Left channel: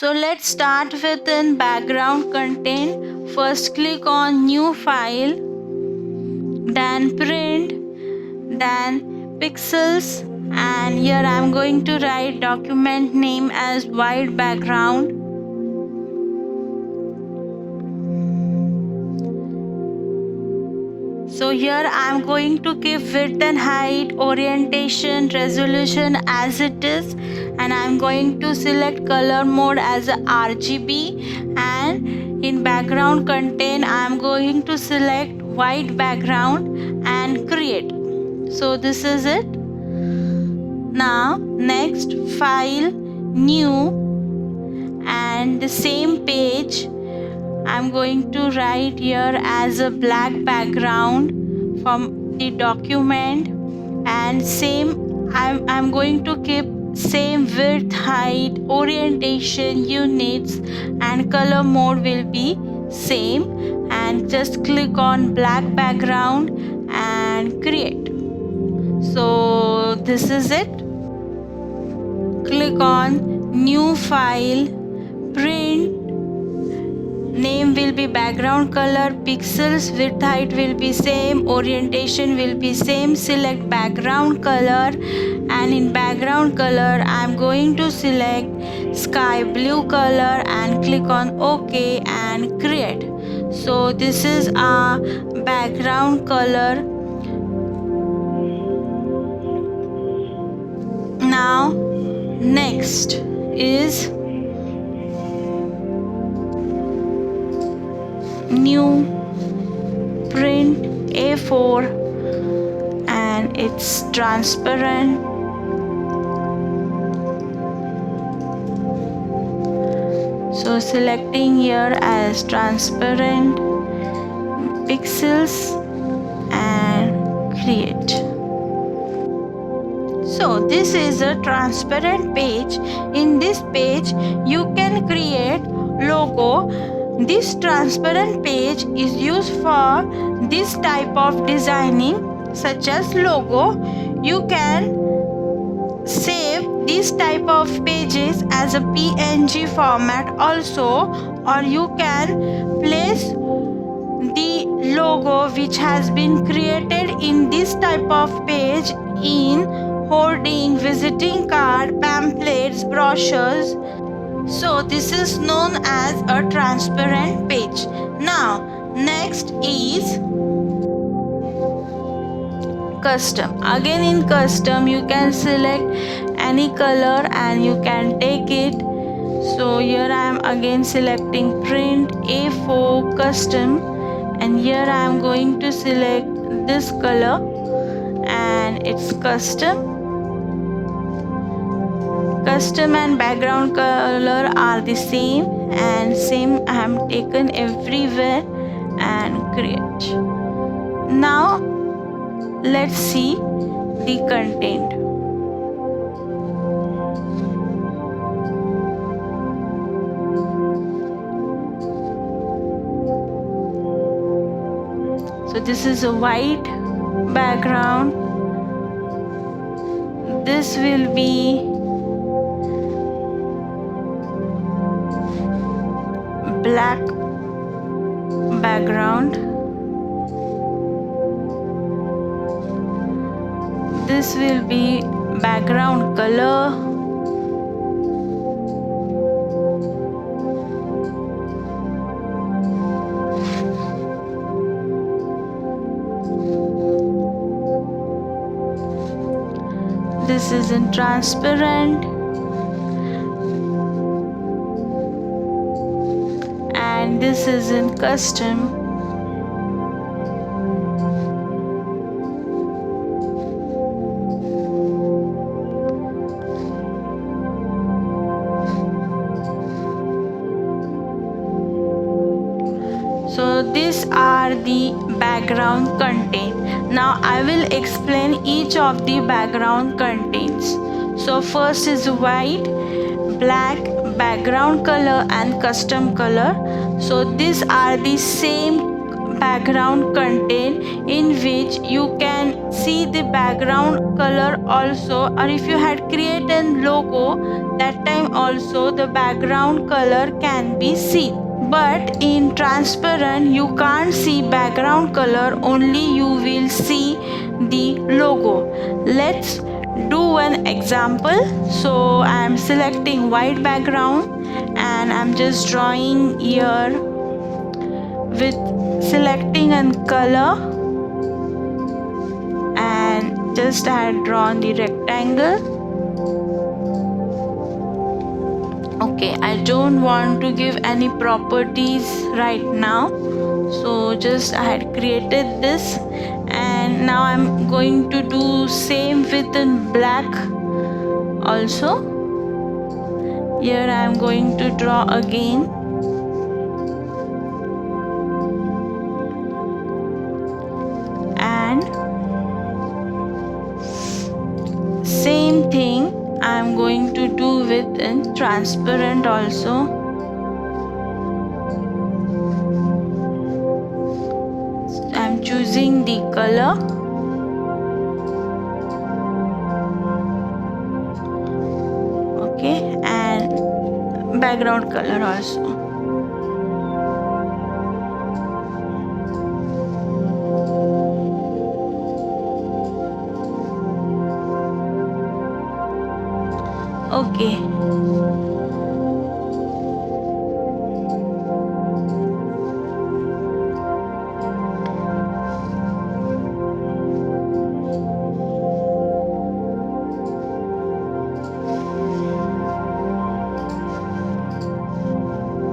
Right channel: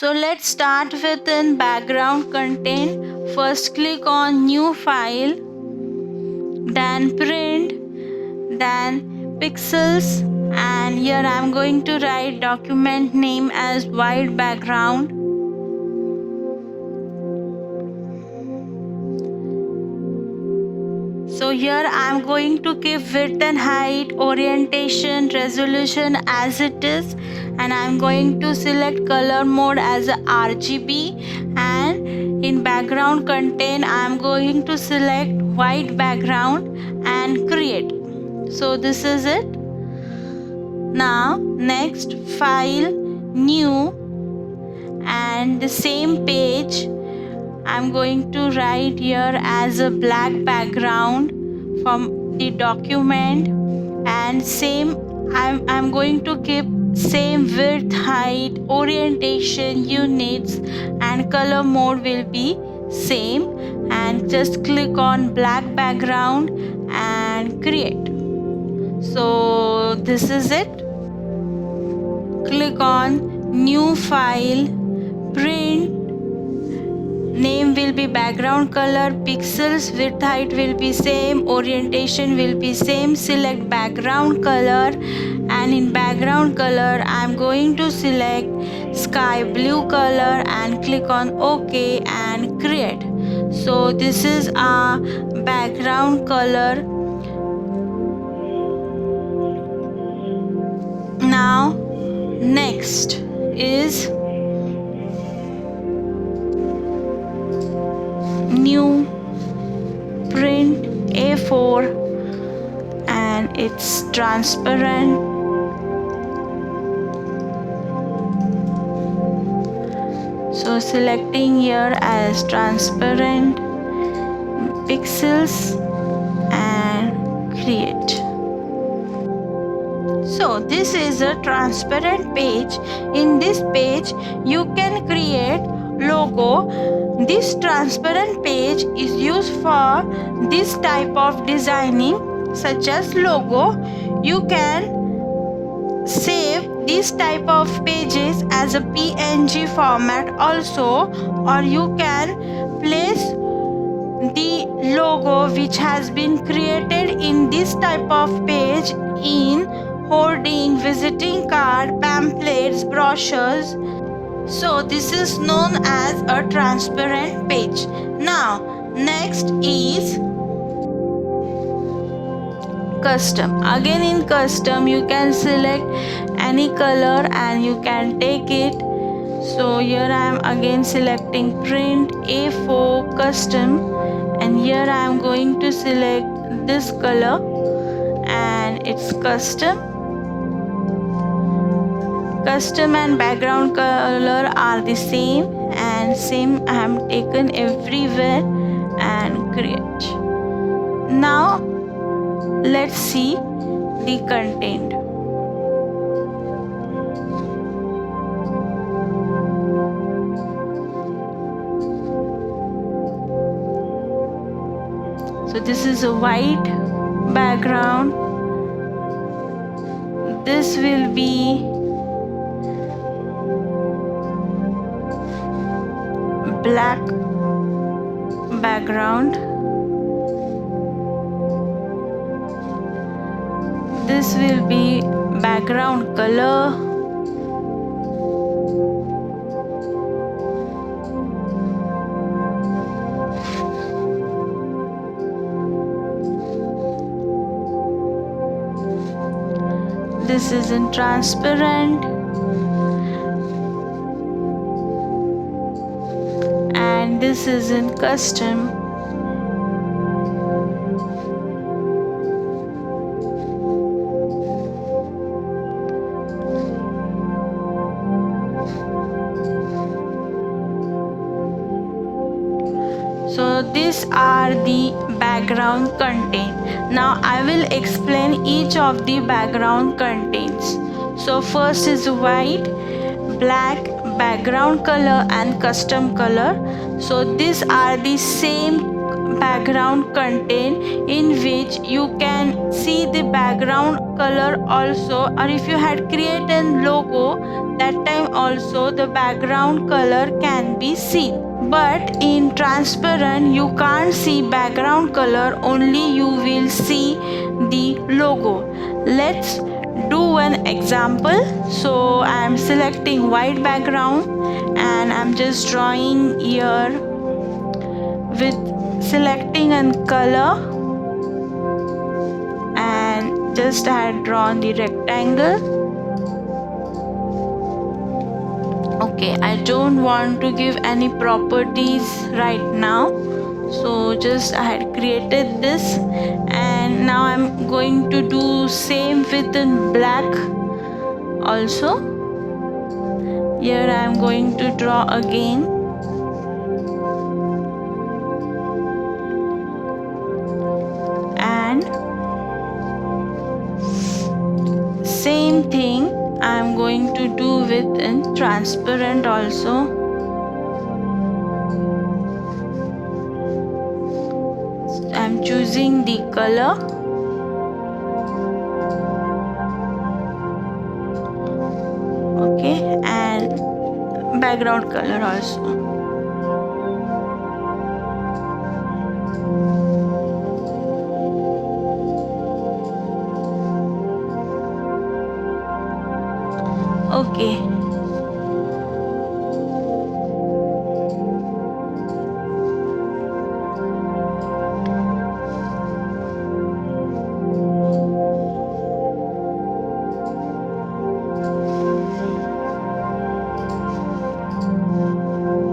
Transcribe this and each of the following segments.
So let's start with in background content. First click on new file, then print, then pixels, and here I'm going to write document name as white background. So here I'm going to keep width and height, orientation, resolution as it is, and I'm going to select color mode as a RGB, and in background content I'm going to select white background and create. So this is it. Now next, file, new, and the same page I'm going to write here as a black background from the document, and same I'm going to keep same width, height, orientation, units, and color mode will be same, and just click on black background and create. So this is it. Click on new file, print, name will be background color, pixels, width, height will be same, orientation will be same. Select background color, and in background color I'm going to select sky blue color and click on OK and create. So this is our background color. Now next is new, print A4, and it's transparent. So selecting here as transparent, pixels, and create. So this is a transparent page. In this page you can create logo. This transparent page is used for this type of designing such as logo. You can save this type of pages as a PNG format also, or you can place the logo which has been created in this type of page in hoarding, visiting card, pamphlets, brochures. So this is known as a transparent page. Now next is custom. Again in custom you can select any color and you can take it. So here I am again selecting print A4 custom, and here I am going to select this color and it's custom. Custom and background color are the same, and same I have taken everywhere and create. Now let's see the content. So this is a white background. This will be black background. This will be background color. This is in transparent, and this is in custom. So these are the background content. Now I will explain each of the background contents. So first is white, black, background color and custom color. So these are the same background content in which you can see the background color also, or if you had created logo, that time also the background color can be seen. But in transparent you can't see background color, only you will see the logo. Let's do one example. So I am selecting white background and I'm just drawing here with selecting a color, and just I had drawn the rectangle. Okay, I don't want to give any properties right now, so just I had created this, and now I'm going to do same with in black also. Here I am going to draw again, and same thing I am going to do with in transparent also. I am choosing the color. Okay, and background color also. Okay,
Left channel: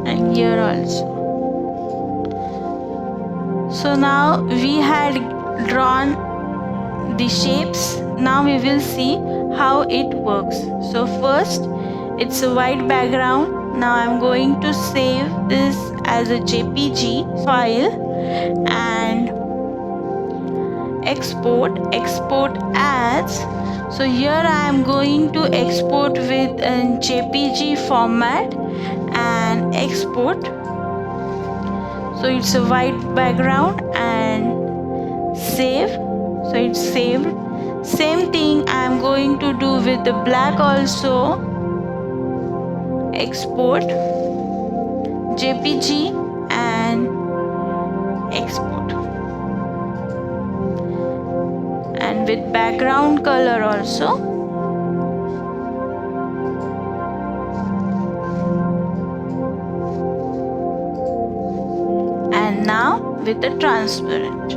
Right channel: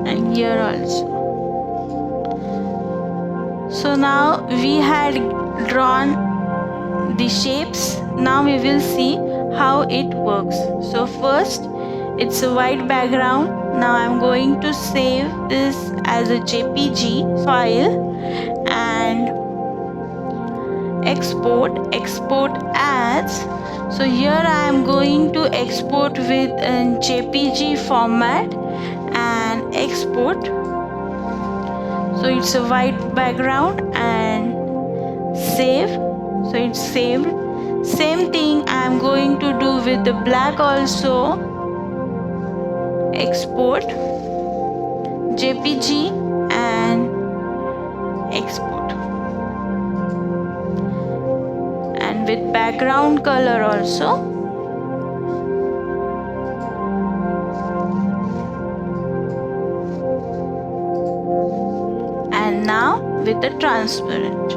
and here also. So now we had drawn the shapes. Now we will see how it works. So first it's a white background. Now I'm going to save this as a JPG file and export as. So here I am going to export with a JPG format and export. So it's a white background and save. So it's saved. Same thing I am going to do with the black also. Export JPG and export, and with background color also. And now with the transparent.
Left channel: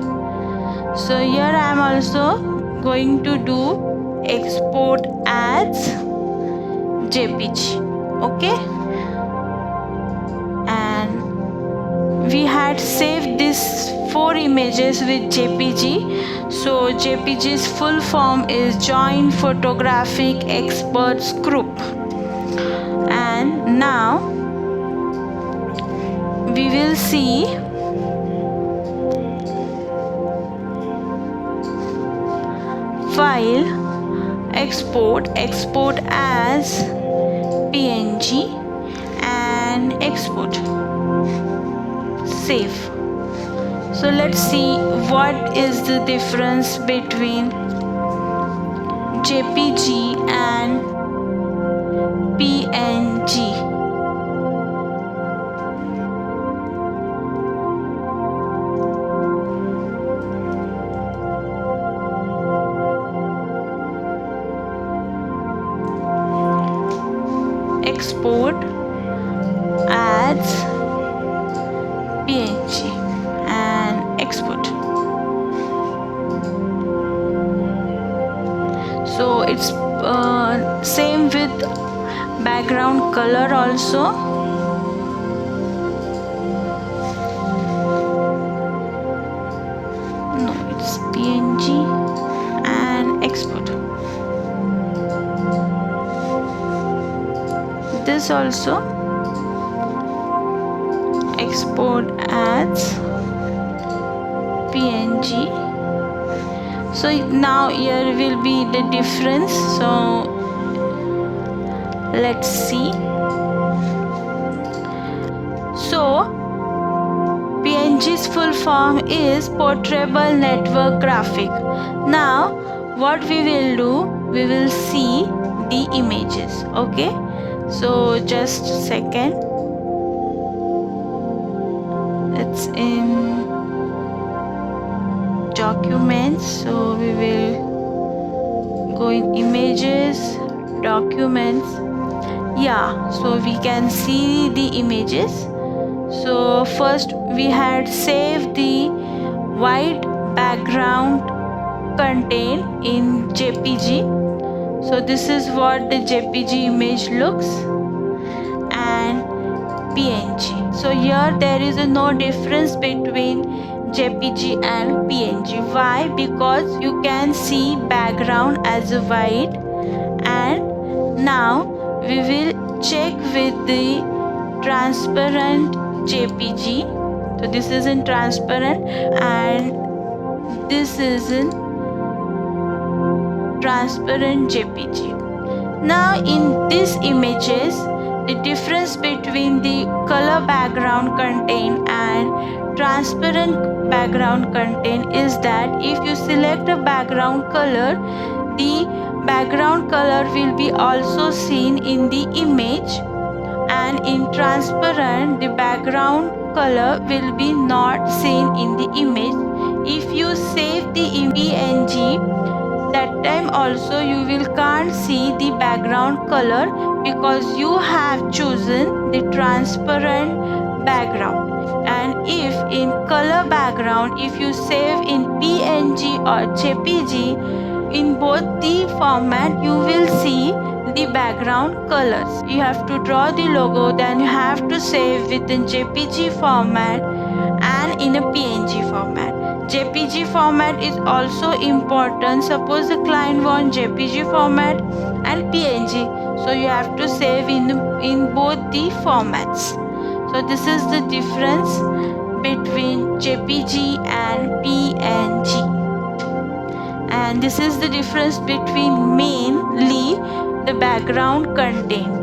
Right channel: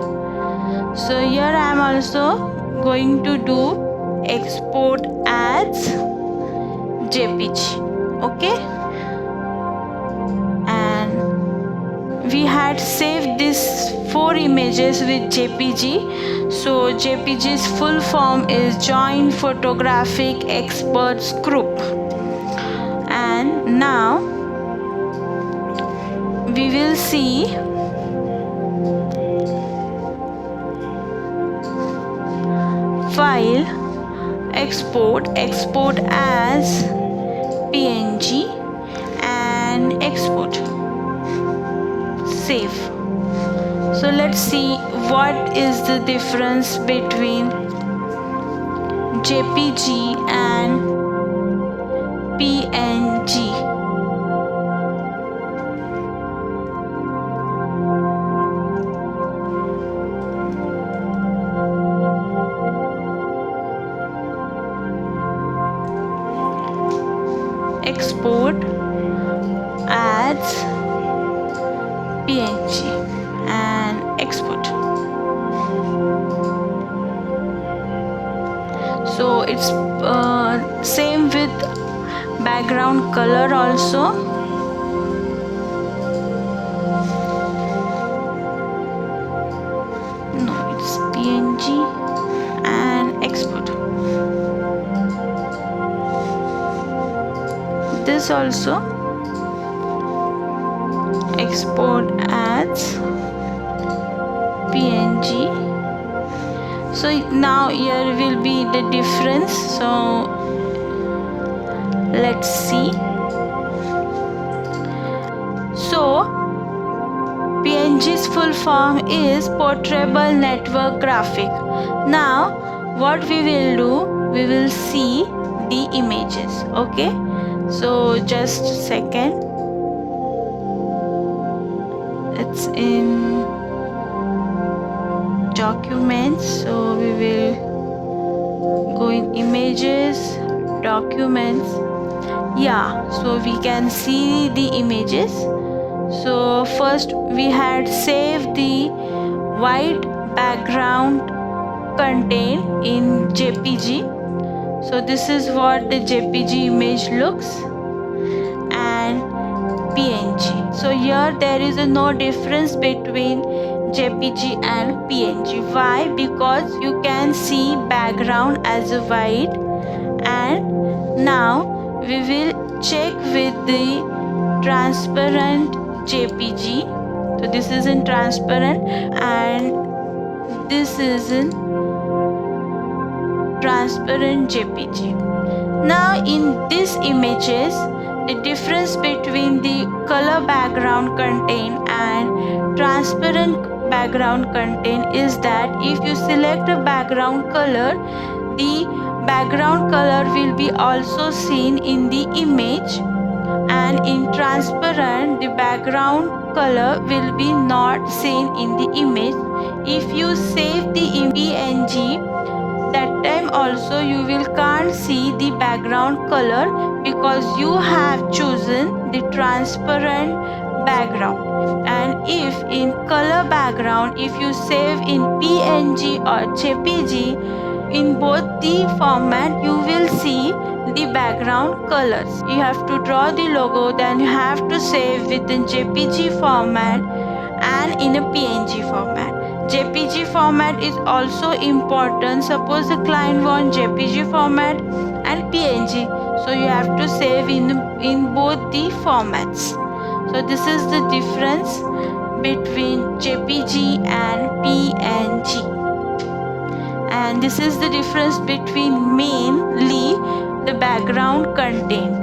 So here I am also going to do export as JPG. Okay, and we had saved these 4 images with JPG. So JPG's full form is Joint Photographic Experts Group. And now we will see file, export as PNG and export, save. So let's see what is the difference between JPG and PNG. Export as PNG and export. So it's same with background color also. No, it's PNG and export. This also export as PNG. So now here will be the difference. So let's see. So PNG's full form is Portable Network Graphic. Now what we will do, we will see the images. Okay, So just a second, it's in documents, so we will go in images, documents. Yeah, so we can see the images. So first we had saved the white background content in JPG. So this is what the JPG image looks, and PNG. So here there is no difference between JPG and PNG. Why? Because you can see background as a white. And now we will check with the transparent JPG. So this is in transparent and this is in transparent JPG. Now in these images, the difference between the color background content and transparent background content is that if you select a background color, the background color will be also seen in the image, and in transparent the background color will be not seen in the image. If you save the PNG, that time also you will can't see the background color because you have chosen the transparent background. And if in color background, if you save in PNG or JPG, in both the format you will see the background colors. You have to draw the logo, then you have to save within JPG format and in a PNG format. JPG format is also important. Suppose the client wants JPG format and PNG, so you have to save in both the formats. So this is the difference between JPG and PNG, and this is the difference between mainly the background content.